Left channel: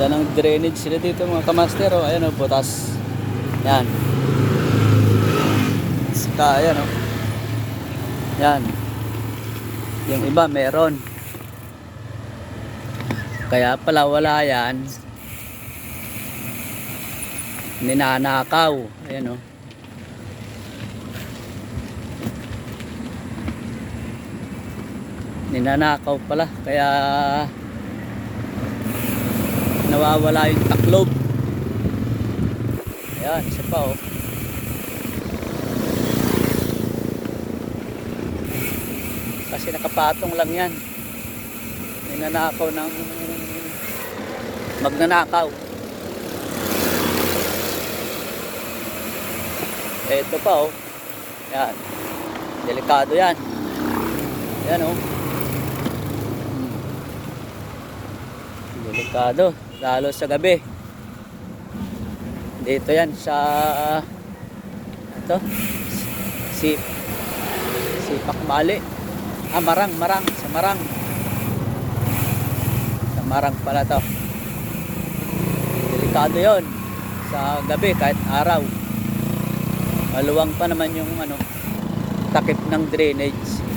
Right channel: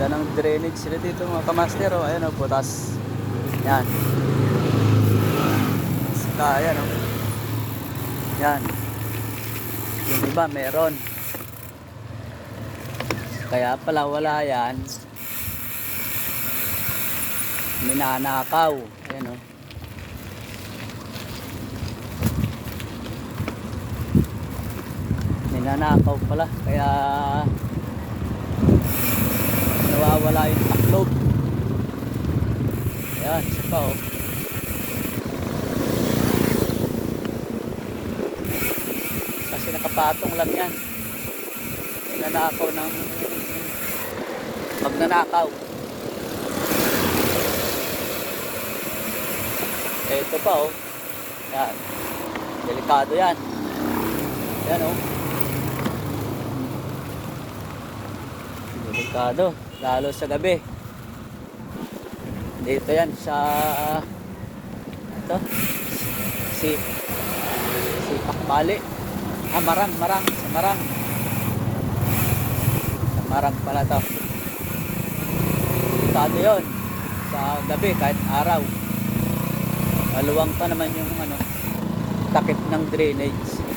Ganda ng drainage sila dito mga kamaster. Oh. Ayan o, butas. Yan. Saka, ayan o. Yan. Yung iba meron. Kaya pala wala yan. Ninanakaw. Ayan o. Ninanakaw pala. Kaya nawawala yung taklob. Ayan, isa pa oh. Kasi nakapatong lang yan. Ninanakaw ng magnanakaw. Ito pa oh. Yan. Delikado yan. Yan oh. Delikado. Lalo sa gabi. Dito yan sa ito. Si si Akmali. Ah, Marang, Marang, sa Marang. Sa Marang pala to. Delikado yon sa gabi kahit araw. Maluwang pa naman yung ano takip ng drainage.